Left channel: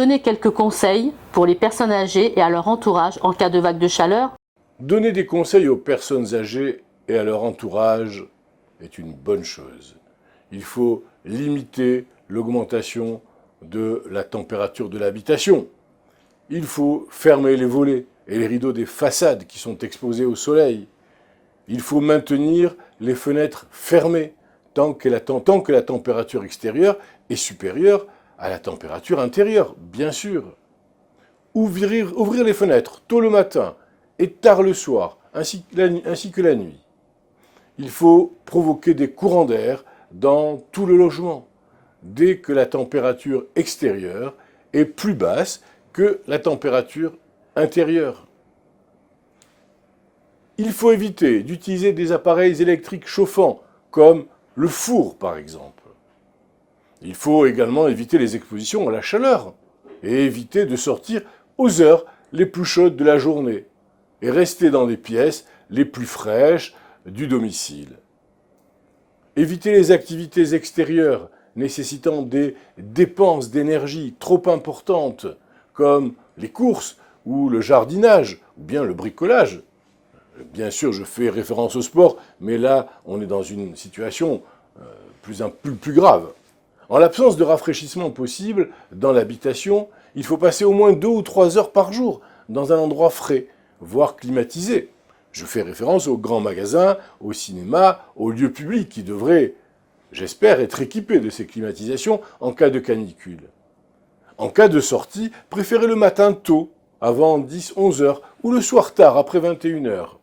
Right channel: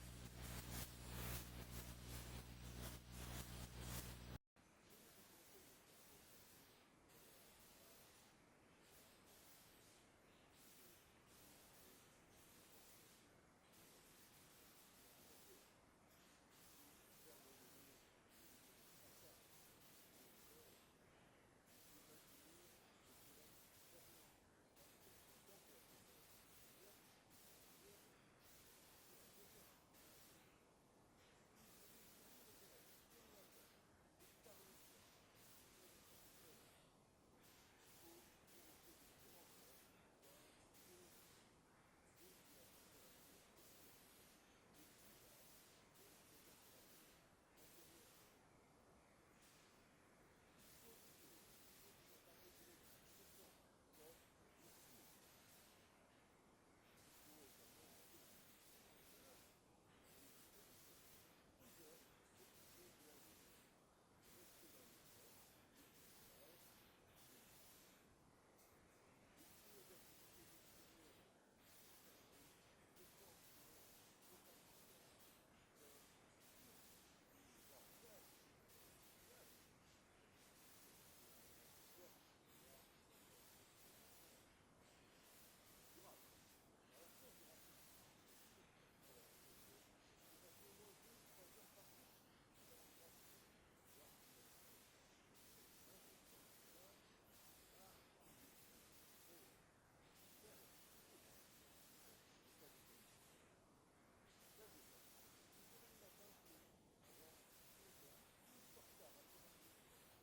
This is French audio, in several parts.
donner quelques conseils pour les personnes âgées et à leur entourage en cas de vague de chaleur? Donner des conseils aux personnes âgées et à leur entourage est une bonne chose. Il faut limiter l'augmentation de la température de l'habitation. Il faut fermer les volets et les rideaux des façades qui sont exposés au soleil. Il faut maintenir les fenêtres fermées tant que la température extérieure est supérieure à la température intérieure, bien sûr. Ouvrir les fenêtres tôt le matin et tard le soir, ainsi que la nuit. Il faut provoquer des courants d'air dans tout le logement, dès que la température extérieure est plus basse que la température intérieure. Il faut éviter d'utiliser des appareils électriques chauffants, comme le four par exemple. Il faut également éviter les expositions à la chaleur et éviter de sortir aux heures les plus chaudes de la journée et rester dans les pièces les plus fraîches du domicile. Éviter les activités extérieures nécessitant des dépenses d'énergie trop importantes, comme les courses ou le jardinage, ou bien le bricolage. Bien sûr, je fais référence au sport, mais là, on est dans une situation plus grave. En l'absence de rafraîchissement possible dans l'habitation, il faut passer au moins 2 ou 3 heures par jour dans un endroit frais, voire climatisé. Je fais référence aux grands magasins, au cinéma, aux lieux publics qui devraient, j'espère, être équipés de ces climatisations en cas de canicule. En cas de sortie, préférez le matin tôt, avant 10-11 heures, ou le soir tard, après 21 heures.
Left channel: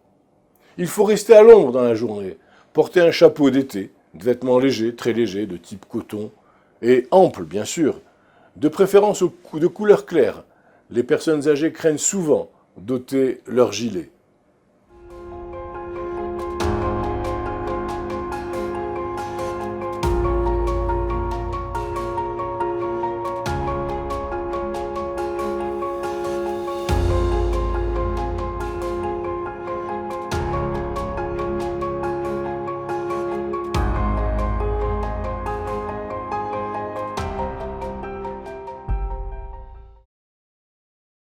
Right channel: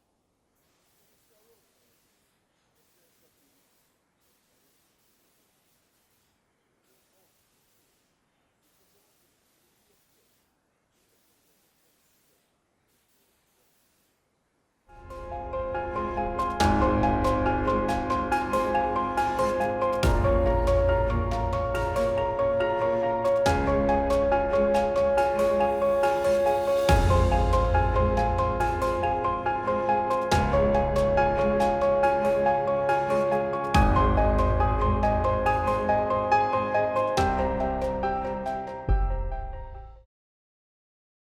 Il faut rester à l'ombre dans la journée, porter un chapeau d'été, de vêtements légers, très légers, de type coton, et amples bien sûr, de préférence de couleur claire. Les personnes âgées craignent souvent d'ôter leur gilet.